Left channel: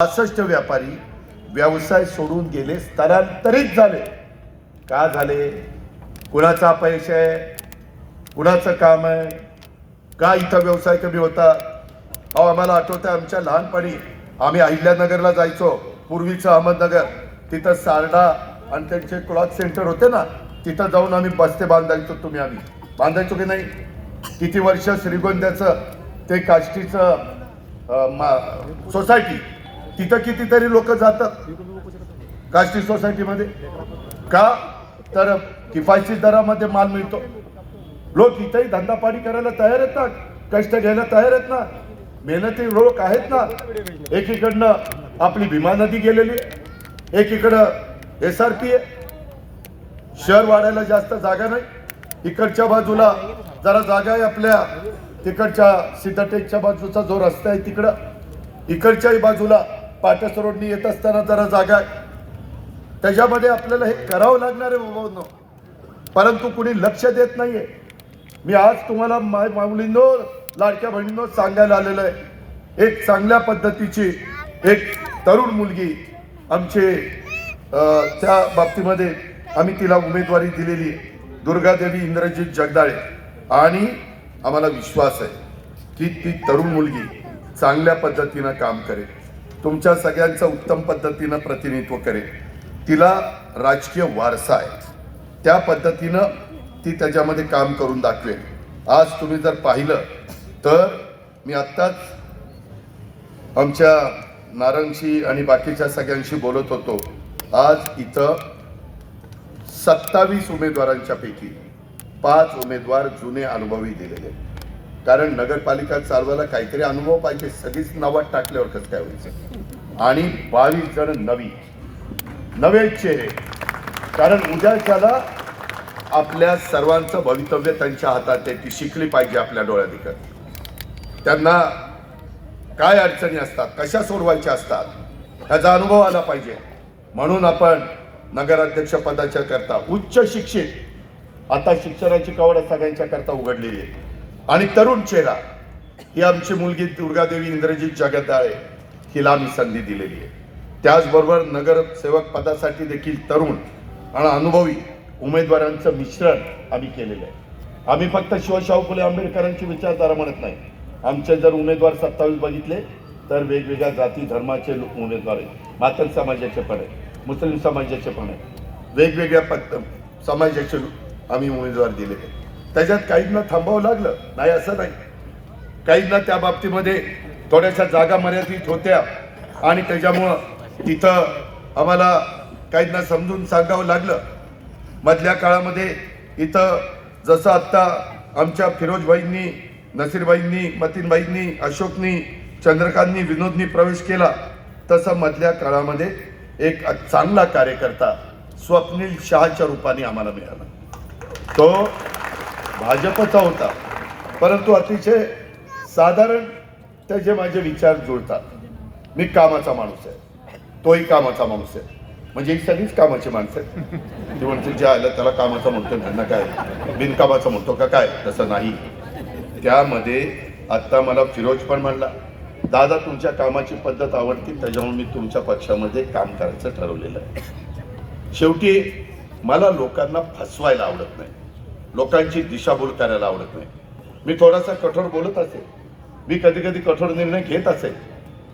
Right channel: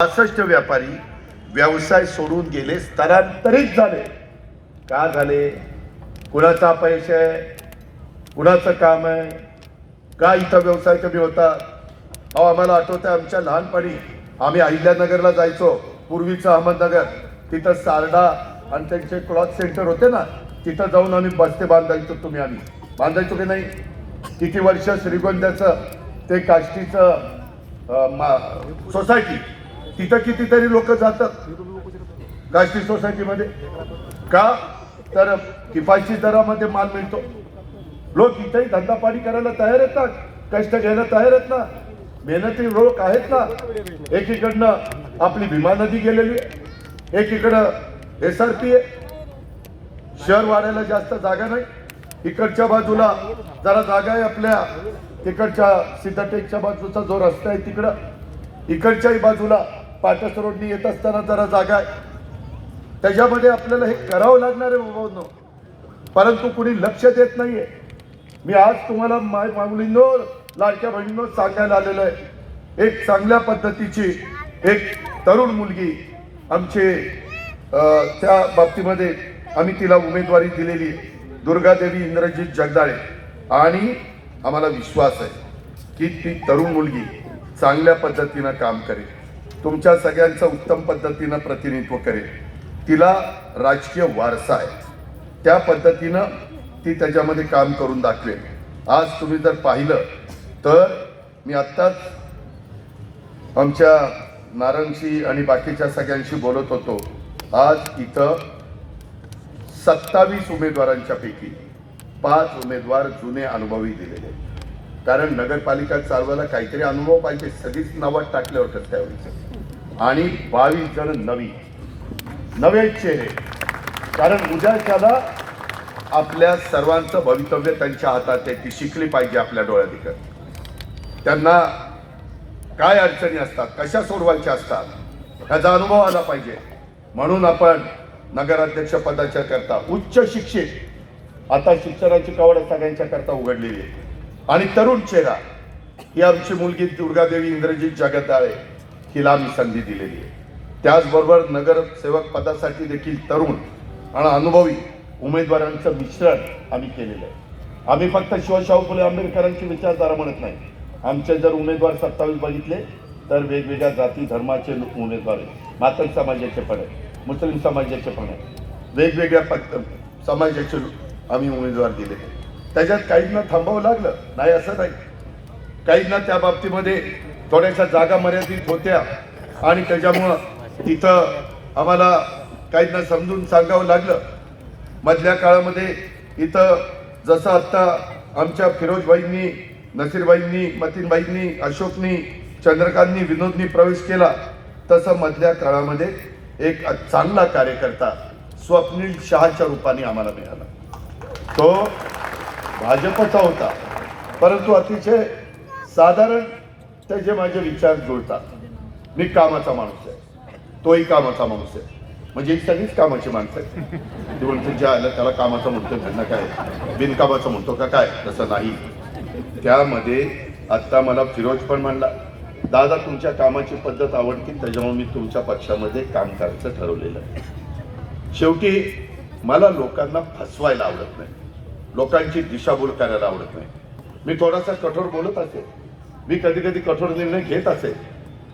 65 व्यापारी व्यवसाय सोडून गेले, स्थलांतरित झाले. का झाले? कुणाचा अपयश आहे, कुणाचं काम आहे, का इथं व्यवसाय कमी होता? आम्हाला आठवतं आमच्या लहानपणी आम्ही अहिल्यानगरला जायचो, पूर्वीचं अहमदनगर, तिथं सारडा आणि त्यांचे क्लॉथ सेंटर होते ना, तिथं जाऊन आम्ही बस्ते बांधायचो. आम्ही बांधायचो की नाही? किती वर्ष श्रीगोंद्याचं ते काष्टीचं सोसायटी, तिथं कितीतरी लोक जातात काष्टी सोसायटीमध्ये. का? तर किफायती दरामध्ये माल मिळतो. लोक इथेही धंदा पाणी करायला तयार आहेत ना, कष्ट घ्यायला तयार आहेत ना, मेहनती लोक आहेत ना. एकीकडनं आपली भीमा नदी गेलेली, एकीकडं SRP आहे. शहर वाढायला जास्त जागा नाही. इकडच्या बाजूला जरा जागा आहे आपल्या, तिकडच्या सीताटेकच्या बाजूचा जो रस्ता आहे तिकडं, इकडच्याही बाजूला पाटस रोडनी येत असताना जरा जागा आहे. त्याच्यामध्ये आपल्याला हे करावं लागणार आहे बाबांनो, परंतु कुणी लक्ष देत नाहीये. मी आज तुम्हाला माय माऊलींनो, लाडक्या बहिणींनो सांगायला आलेलं आहे. एक चांगल्या पद्धतीची एक तरुण मुलगी आमचे त्या बाबतीमध्ये आम्ही तिला उमेदवारी दिलेली, दुर्गादेवी इंद्रजीत जगदाळे. आणि आम्हाला विश्वास आहे की ती तरुण मुलगी चांगल्या पद्धतीनं काम करेल, तुमच्या सगळ्यांचं उत्तम पद्धतीनं प्रतिनिधित्व करेल. तिला राजकीय वारसा आहे, त्या पद्धतीनं ती त्याच्यामध्ये काम करून दाखवेल. आज तुम्ही जर पाहिलं तर मी आत्ताच आमच्या नारायणशी आणि बाकीच्या सगळ्यांशी बोलत होतो. आज इथं 27 उमेदवारांच्या पैकी 5 उमेदवार जुने अनुभवी दिलेले, कारण नगरपालिका चालवायला काहीतरी अनुभव पाहिजे. सगळीच नावात टाकल्यावर कसं काय व्हायचं? आणि 22 जण नवे चेहरे, कारण उद्याच्याला आपल्या सर्वांचं भवितव्य त्यांच्या हातात आहे. ती शिकली पाहिजे आपल्या डोळ्यात दिसत. त्यांना काय अडचणी असतात, कशा सोडवायच्या असतात, ह्याचा अनुभव आला पाहिजे. म्हणून आपण नगराध्यक्ष पदाच्या करता उच्च शिक्षित, आता शिक्षणाची कवड सगळ्यांच्या करता उघडलेली आहे. आणि तरुण चेहरा ही आमची मुलगी दुर्गादेवी इंद्रजीत जगदाळे, हिला आम्ही संधी दिलेली आहे. त्याचबरोबर नगरसेवक पदासाठी देखील तरुण आणि अनुभवी उमेदवारांचं मिश्रण आम्ही केलेलं आहे. आम्ही फक्त शिवशाहू फुले आंबेडकरांची विचारधारा म्हणत नाही. आमचे जर उमेदवार 27 बघितले तर वेगवेगळ्या जाती धर्माचे उमेदवार आहेत. मातंग समाजाचे पण आहेत, मुस्लिम समाजाचे पण आहेत, वेगवेगळ्या समाजाचे आम्ही उमेदवार दिले. त्याच्यात काहींना थांबावं लागलं नाही असं नाही, काहींना त्या बाबतीमध्ये थोड्याशा जागा मर्यादित होत्या आणि त्याच्यामुळं तिथं आम्हाला काहींना समजून सांगावं लागलं. मधल्या काळामध्ये इथं जसं आत्ता आमच्या फिरोजबाईंनी, नसीरबाईंनी, मतीनबाईंनी, अशोकनी, चंद्रकांतनी, विनोदनी प्रवेश केला, तसं मधल्या काळामध्ये एक चांगला कार्यकर्ता स्वप्नील शहाच्या रूपाने आम्हाला मिळाला. तो भाजपचा होता, परंतु अतिशय साधारण त्याचे माझे विचार जुळतात. मी कामाचा माणूस आहे, तोही कामाचा माणूस आहे, म्हणजे ही सगळीच कामाची माणसं आहेत. ते म्हणते जे आलं त्याला कामाचा म्हणतो, त्यांना काय बिनकामाचा म्हणतो का काय? तसं नाही. त्यामध्ये आत्ता मला फिरोज पण म्हणला, दादा तुमच्या कामाची पद्धत आवडती, त्याच्यामुळे मी तुमच्या पक्षामध्ये काम करायचं ठरवलेलं आहे. शेवटी मला लोकांना फसवायला आवडत नाही, लोकांची दिशाभूल करायला आवडत नाही. मी थोडासा कठोर बोलत असेल, मी कधी कधी कठोर निर्णय घेत असेल.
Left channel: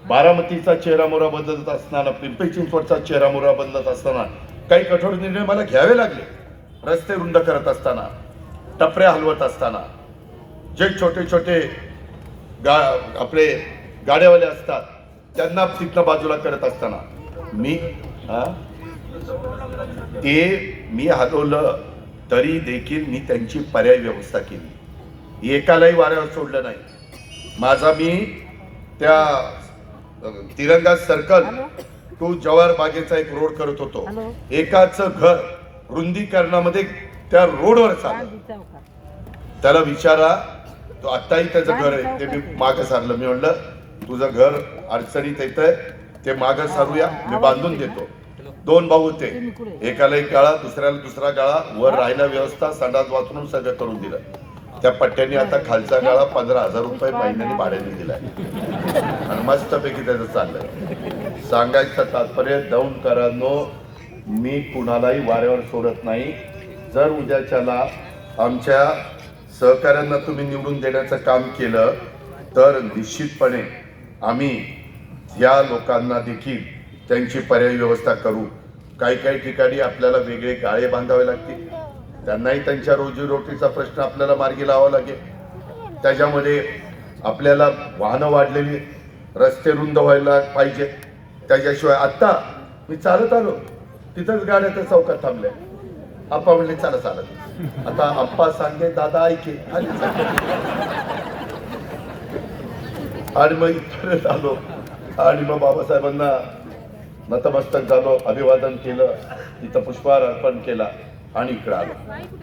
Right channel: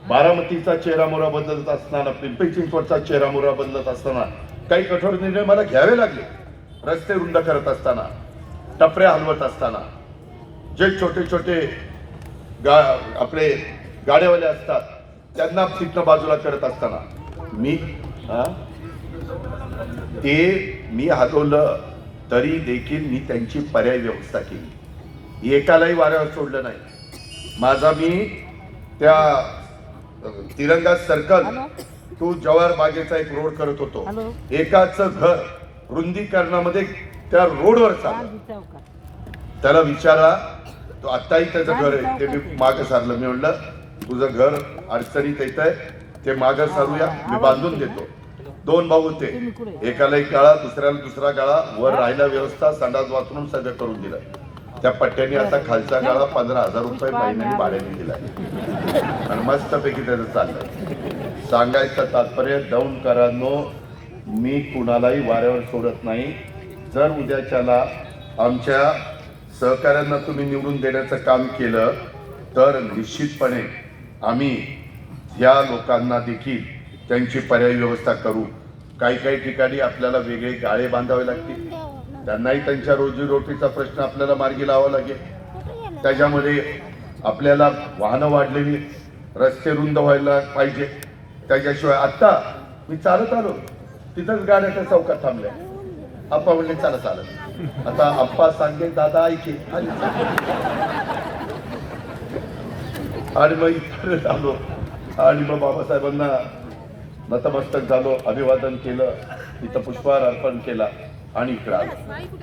बारामतीचा चेहरामोहरा बदलत असताना, पिंपरी चिंचवडचा चेहरामोहरा बदलत असताना काही कठोर निर्णय मला घ्यावे लागले. रस्ते रुंद करत असताना, टपऱ्या हलवत असताना, जे छोटे छोटे आपले गाड्यावाले असतात त्यांना तिथनं बाजूला करत असताना मी हलवलं तरी देखील मी त्यांची पर्याय व्यवस्था केली. एकालाही वाऱ्यावर सोडलं नाही. माझा मी त्या तिरंगा सर्कल टू जवाहर बागेचा एक रोड करत होतो. एकाचं घर रुंदीकरणामध्ये त्या रोडवर चाललं. त्याला विचारा, तो आत्ताही त्याचं घर आहे, ते मी मागं सारलं. मी म्हणलं तुझं घर अडचणीत येत आहे, ते मागं सारूया, मी बांधून देतो. 2 भाऊ होते, एकाला एक गाळा, दुसऱ्याला दुसरा गाळा, वर राहायला व्यवस्था, संडास बाथरूम सगळं करून दिलं. त्या पट्ट्याने आता खालचा गाळा 15,000 रुपये महिन्याने भाड्याने दिलाय आणि मस्तपैकी त्याचं चाललंय. सांगायचं तात्पर्य दौंडकरांनो, मी कुणालाही वाऱ्यावर सोडत नाही. जर उद्याच्याला आमच्या सहकाऱ्यांना तुम्ही निवडून देण्याचं काम केलं तर निश्चितपणे आम्ही या लोकांना देखील त्यांची पर्यायी व्यवस्था करू. काही काही ठिकाणी आपल्याला वेगळे गाळे बांधावे लागतील, त्यांनाही त्यांच्या रोजीरोटीचा प्रश्न आपल्याला मार्गी लावावा लागेल. त्याच्यामध्ये आपल्याला वाहनं वाढलेली, रस्ते रुंद व्हायला पाहिजे. त्याच्याशिवाय आत्ता मी चालत आलो तिथंच गाड्या त्या चौकात थांबल्या. आप्पा म्हणले चला चालत. आता आप्पा सांगे दादा ऐके आणि मग इथं आलो आणि मग बाबासाहेबांना नतमस्तक झालो, अभिवादन केलं, तिथं पुष्पहार अर्पण केला आणि इकडं आलो.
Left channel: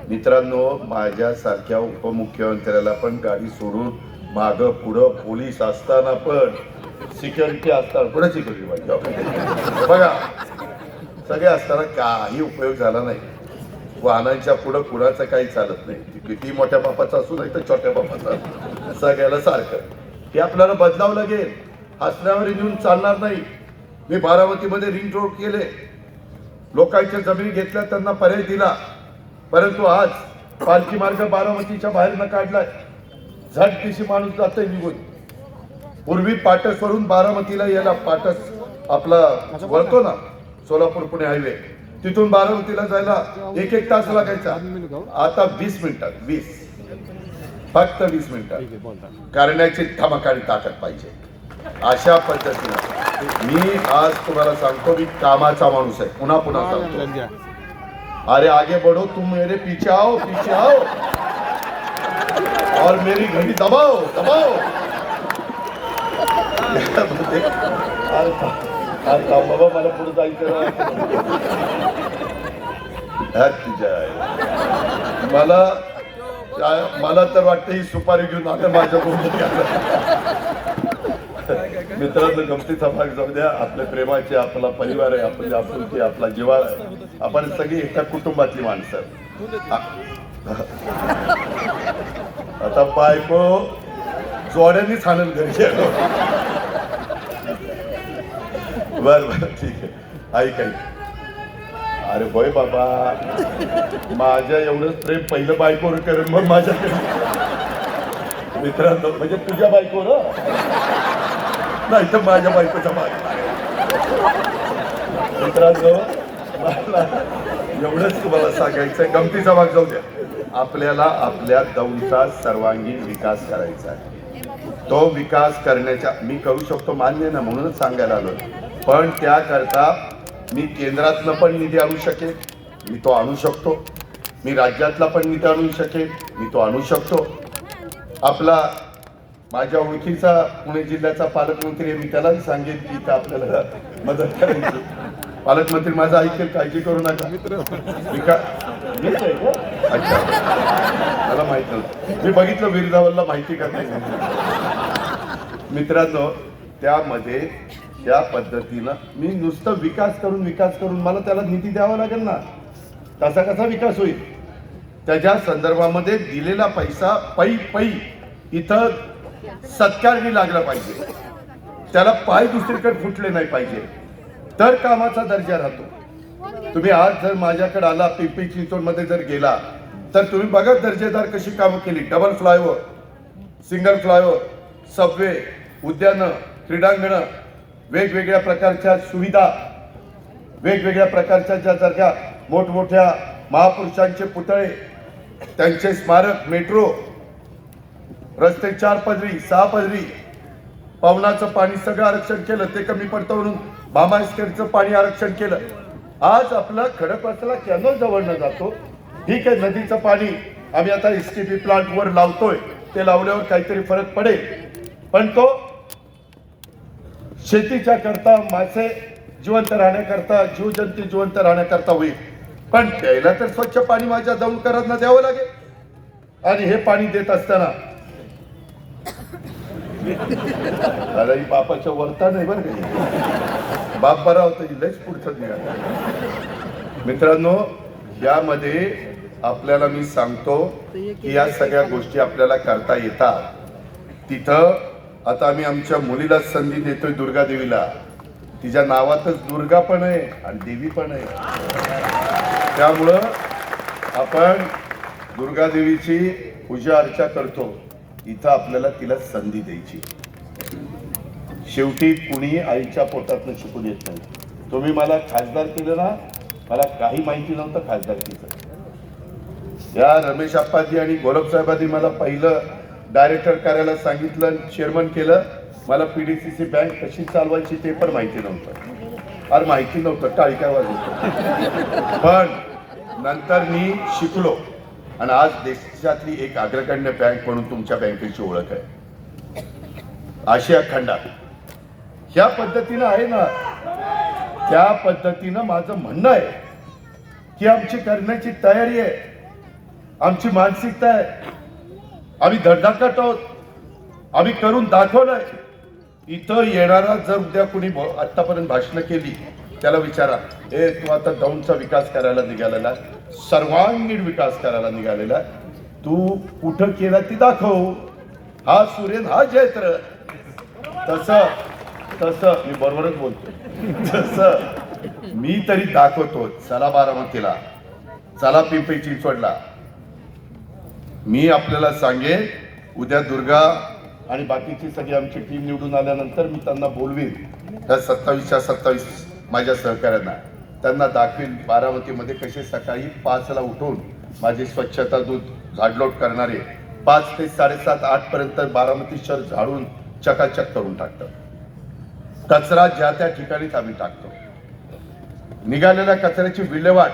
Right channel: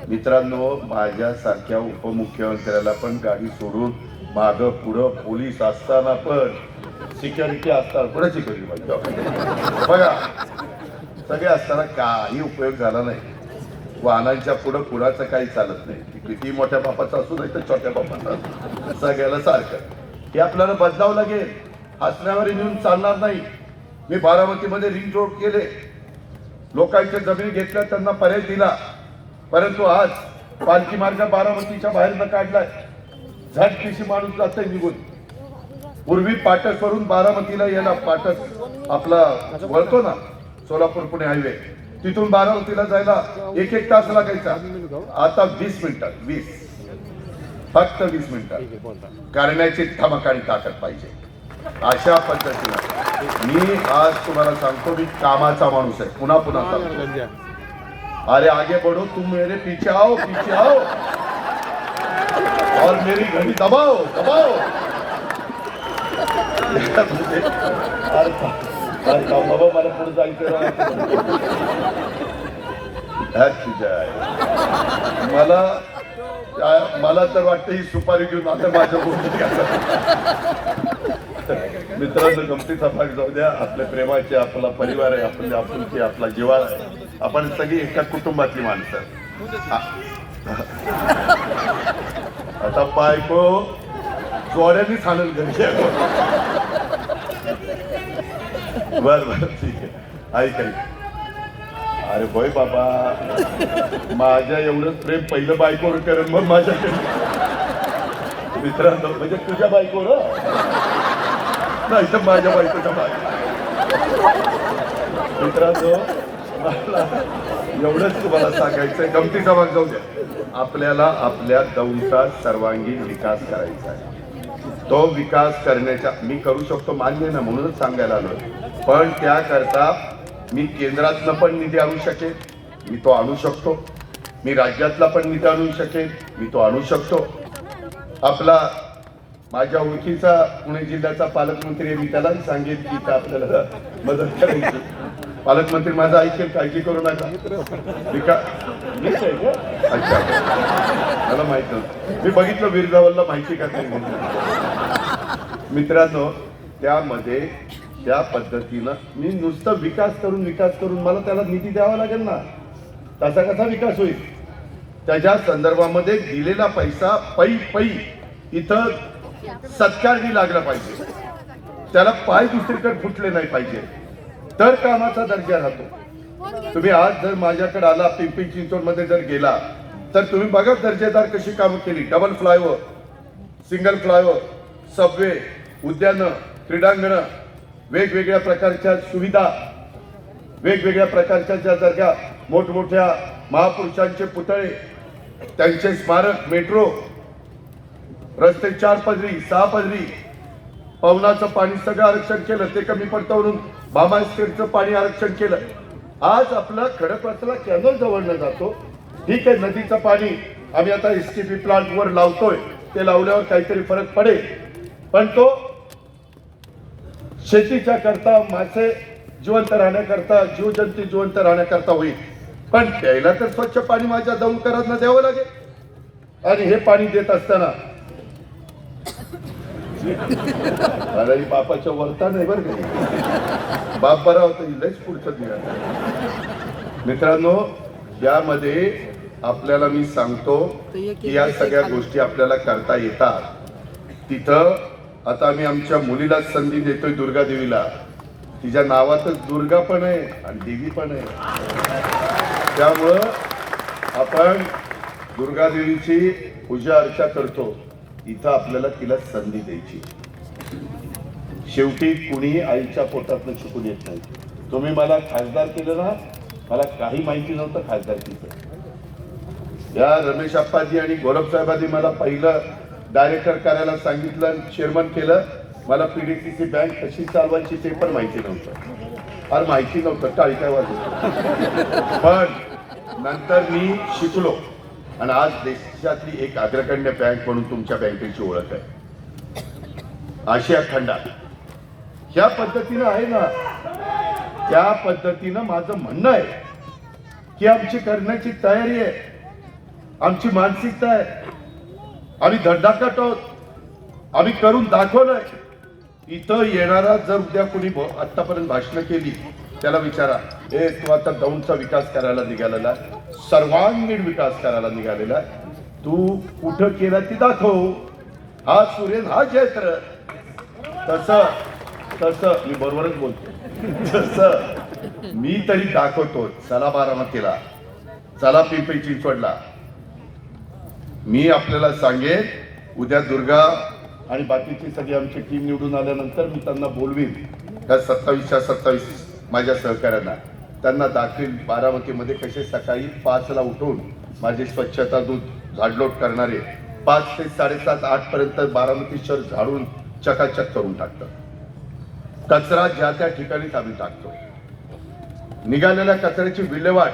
मित्रांनो, माझ्यासारख्या उपमुख्यमंत्र्याला पण गाडी सोडून मागं पुढं पोलीस असताना पण, सिक्युरिटी असताना कोणाची करी बघा, सगळे असताना काही उपयोग झाला नाही. वाहनांच्या पुढं कुणाचं काही चालत नाही. किती मोठ्या बापाचा असू नाही तर छोट्या बापाचा, सगळ्याला सारखं. हे आपल्याला बदलावं लागेल. हसण्यावर येऊन चालणार नाही. मी बारामतीमध्ये रिंग रोड केले, लोकांच्या जमिनी घेतल्या, त्यांना पर्याय दिला. परंतु आज पालखी मार्ग बारामतीच्या बाहेर न काढलाय. झटदिशी माणूस जातोय निघून. पूर्वी पाटसवरून बारामतीला यायला, पाटस आपला वळतो ना सोलापूर पुणे हायवे, तिथून बारामतीला जायला 1-1 तास लागायचा. आता 20 मिनिटात, फक्त 20 मिनिटात करण्याची धमकानी ताकद पाहिजे. अशा पद्धतीने मी आज तुम्हाला सांगतो, मी कामाचा माणूस आहे. पुन्हा सांगतो, अरे आगे बढ़ो, तुम मेरे पीछे आओ और मेरी घड़ी दबाओ. मला पुढे जायचं, मला तर वाटतं ही सुपारी घेऊन आता माझ्या मित्रांनो, गमतीचा भाग जाऊ द्या. आपल्या प्रेमाचे, आपला परिवार आहे, आपली आपुलकी, आपला जिव्हाळा आहे. आपण सगळी एका कुटुंबातली माणसं. आता बायको जोड्यांनीच आणून घरी. बर ठीक आहे, ऐक. अरे बोय बाबा, माझ्या एवढंच प्रेम पहिलं बायकोवर करेन, मग माझ्या मित्रांनो, म्हणजे तुझ्या बायकोवर नाही तर माझ्या बायकोच्या बायको. मित्रांनो, एवढंच तुम्हाला सांगायचंय. गमतीचा भाग जाऊ द्या. आपल्याला आपल्या दौंडचा सर्वांगीण विकास करायचा आहे. तो विकास करण्याच्या मी करू शकतो, मान्य ना, म्हणूनच सांगायला आलो. पण त्याकरता मी केंद्रातनं पण निधी आणू शकेन, मी तो आणू शकतो. मी राज्यातला पण निधी आणू शकेन, मी तो आणू शकतो. आपला माझ्या ओळखीचा पुणे जिल्ह्याचा पालकमंत्री, मी त्यालाही सांगेन की आपल्याला मदत करायची. पालकमंत्री माझा ऐकेल, काळजी करू नका. अच्छा, मला माहित नव्हतं. मी बघितलं वीरगावला, माहिती का नाही. मित्रांनो, त्यामध्ये त्या पद्धतीनं मी नुसतं विकास करून मला त्याला निधी द्यावा लागेल ना. तसा कसा विकास होईल? त्याच्या संदर्भामध्ये दिलेला पैसा पै इथं सत्कारणी लागला पाहिजे. त्याला पाय दुसरीकडे फुटले नाही पाहिजे, तर कामाचा दर्जा राहतो. तुम्ही आज जर माझ्याकडे आला, पिंपरी चिंचवड मध्ये जर गेला, तर तुम्ही बघा दर्जेदार कशी कामं केली. Double flyover, single flyover, Subway, उद्यानं, क्रीडांगणं, वेगवेगळ्या प्रकारच्या सुविधा, वेगवेगळ्या प्रकारच्या ज्या जागा, मोठमोठ्या महापुरुषांचे पुतळे, त्यांचे स्मारक, मेट्रो, रस्ते 4 पदरी 6 पदरी, पवनाचं पाणी सगळं आरक्षण केलं. ते कमी पडतं म्हणून भामास्करचं पाणी आरक्षण केलं. आज आपला खडकवासला कॅनल जवळनं जातो. ठीक आहे, नदीचं पाणी आम्ही आता एसटीपी प्लांट वर लावतोय, ते लावल्यावर काहीतरी फरक पडेल. पण तो शेतीच्या करता, मासे जिवंत राहण्याकरता, जीवजंतू जिवंत राहण्याकरता होईल. पण प्यायला तर स्वच्छ पाणी माझ्या दौंडकरांना द्यावं लागेल. आणि हे पाणी देत असताना अरे बापाच्या वरता नाही बरं का, बाप बरा होता, लयच पुढचं निघाला. मित्रांनो, यामध्ये आपल्याला मी सांगतो की या सगळ्या गोष्टी आपल्याला करता येतात. तिथं आता आम्ही आमच्या मुलीला संधी देतोय, दुर्गा देवीला. तिच्या नावातच दुर्गा पण आहे आणि देवी पण आहे. त्यामुळं आपण दुर्गा देवीची पूजा अर्चा करतो, इथं आपल्याला तिला संधी द्यायची. शेवटी कुणी आईच्या पोटातनं शिकून येत नाही. तुम्ही मला खासदार केलं ना, मला काही माहिती नव्हतं खासदारकीचं. या रमेश आप्पाजी आणि गौरव साहेबांनी मला पहिलं डायरेक्टर करायला सांगितलं आणि चेअरमन केलं. मला पीडीसीसी बँक कशी चालवायची ते पण माहिती नव्हतं. फार माहिती नव्हतं, टाळक्या वाजवत. पण नंतर मी शिकलो आणि आज देशातली एक अग्रगण्य बँक म्हणून तुमच्या बँकेची ओळख आहे आशिया खंडात. ज्या पद्धतीनं आहे ना, त्या पद्धतीनं माझं म्हणणं आहे की आमची करण्याची तयारी आहे, आमची मानसिकता आहे. आम्ही धडधाकट आहोत, आम्ही करून दाखवलंय. इथं येणारा जर उद्या कोणी आतापर्यंत भाषणं केली, त्याला विचारा, हे तू आता दौंडचा विकास करायला निघालेला, सर्वांगीण विकास करायला निघालेला, तू कुठं केला ती दाखव. हा सूर्य हा जयत्र. तसं मी बरोबरच बोलतो. तसं मी तरी दाखवतो. चला बारामतीला, चला पिंपरी चिंचवडला. मी आपल्याला सांगेन, उद्या दुर्गा आणि बाकीची सगळी आमची टीम निवडून आल्यानंतर मी त्यांना बोलवीन. त्या 27च्या 27 माझ्या सहकाऱ्यांना त्यांना दाखवीन बारामतीमध्ये कसे सकाळी 5ला उठून माझे स्वच्छता दूत झाडलोट करणारे 5 ते 7:30 8 पर्यंत बारामती शहर झाडून चकाचक करून टाकतात. कचरा ज्या त्या ठिकाणीच आम्ही टाकतो. निघालेल्या कचऱ्याची विल्हेवाट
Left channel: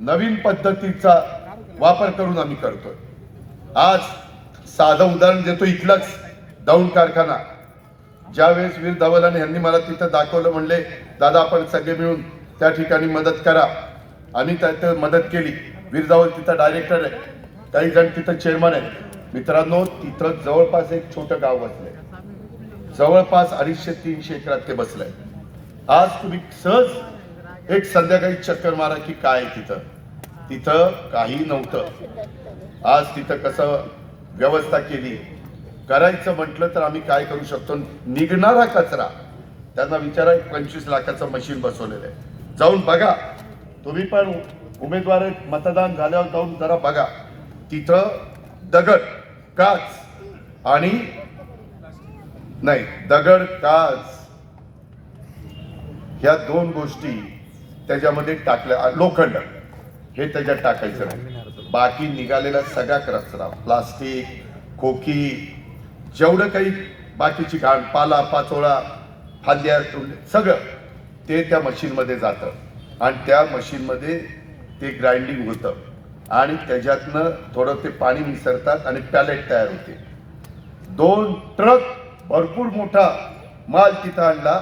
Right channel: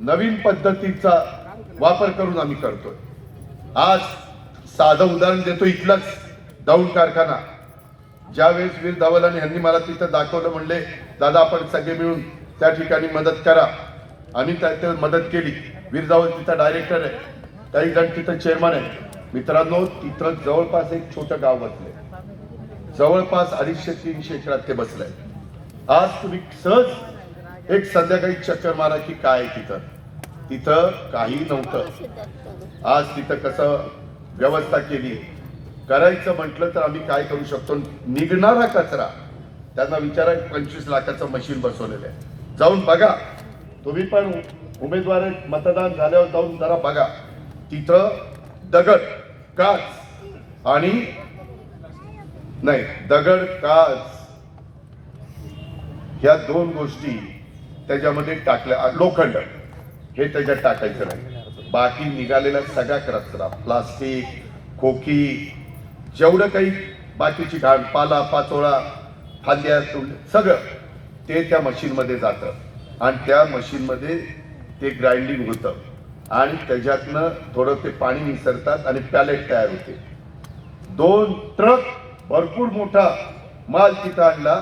नवीन पद्धतीचा वापर करून आम्ही करतोय. आज साधं उदाहरण देतो, इथलंच दौंड कारखाना. ज्यावेळेस वीर धवलाने यांनी मला तिथं दाखवलं, म्हणले दादा आपण सगळे मिळून त्या ठिकाणी मदत करा. आणि त्यात मदत केली. वीर धवल तिथं डायरेक्टर आहे, काही जण तिथं चेअरमन आहे. मित्रांनो, तिथं जवळपास एक छोटं गाव बसलंय, जवळपास 250-300 एकरात ते बसलंय. आज तुम्ही सहज एक संध्याकाळी चक्कर मारा की काय तिथं काही नव्हतं. आज तिथं कसं व्यवस्था केली. करायचं म्हटलं तर आम्ही काय करू शकतो. निघणारा कचरा त्यांना विचारा, 25 लाखाचं मशीन बसवलेलं आहे. जाऊन बघा, तुम्ही पण उमेदवार मतदान झाल्यावर जाऊन जरा बघा. तिथं दगड, काच आणि नाही दगड, काच ह्या 2 गोष्टी त्याच्यामध्ये टाकल्या. लोखंड हे त्याच्यात टाकायचं नाही. बाकी निघालेला सगळा कचरा, प्लास्टिक, खोकी, जेवढं काही बाकीची घाण, पाला पाचोळा, फांद्या, सगळं ते त्या मशीनमध्ये जातं आणि त्या मशीनमध्ये ते ग्राइंडिंग होतं आणि त्याच्यातनं थोडं ते पाणी मिसळतात आणि पॅलेट तयार होते. 2 ट्रक भरपूर मोठा माल तिथं आणला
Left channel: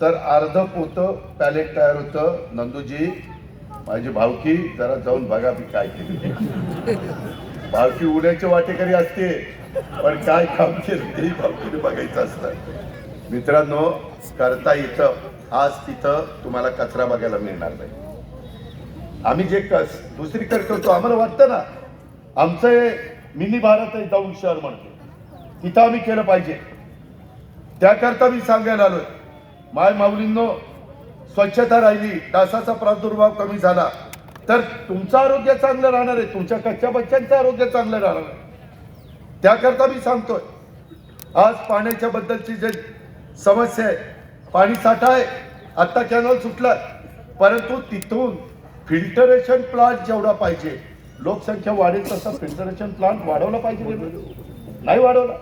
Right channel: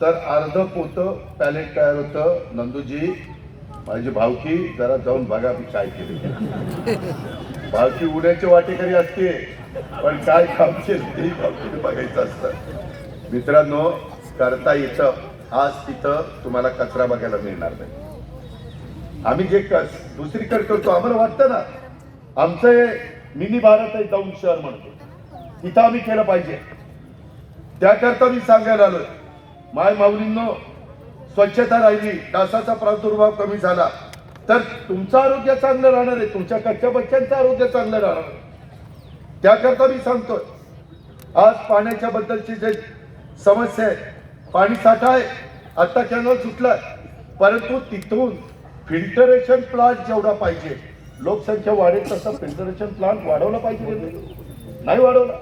तर अर्ध पोतं पॅलेट तयार होतं. नंदूजी, माझी भावकी, जरा जाऊन बघा मी काय केलं. भावकी उड्याचे वाटेकरी असते, पण काय काम केलं ते भावकीने बघायचं असतं. मित्रांनो, करता येतं. आज तिथं तुम्हाला कचरा बघायला मिळणार नाही. आम्ही जे दुसरीकडे करतो, आम्हाला वाटतं ना आमचं मिनी भारत आहे दौंड शहर म्हणतो, तिथं आम्ही केलं पाहिजे. त्याकरता मी सांगायला आलोय, माय माऊलींनो, स्वच्छता राहिली, डासाचा प्रादुर्भाव कमी झाला तर तुमचं आरोग्य चांगलं राहणार आहे, तुमच्या कच्च्या बच्चांचं आरोग्य चांगलं राहणार आहे. त्याकरता मी सांगतोय, आज पाण्याच्या बद्दलची जे समस्या आहे, पाणी साठा आहे, आता कॅनल सुटलाय, परंतु तिथून फिल्टरेशन प्लांट जेवढा पाहिजे, लोकसंख्या वाढेल तसं फिल्टरेशन प्लांट वाढवलं पाहिजे, नाही वाढवलं.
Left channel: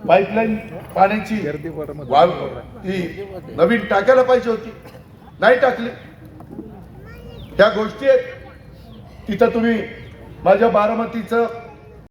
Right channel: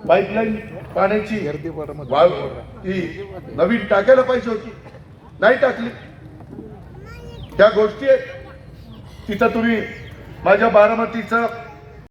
पाईपलाईन पाण्याची ती नवीन टाकायला पाहिजे होती, नाही टाकली. त्या गोष्टी आहेत. तिथं तुम्ही माझ्या बारामतीचं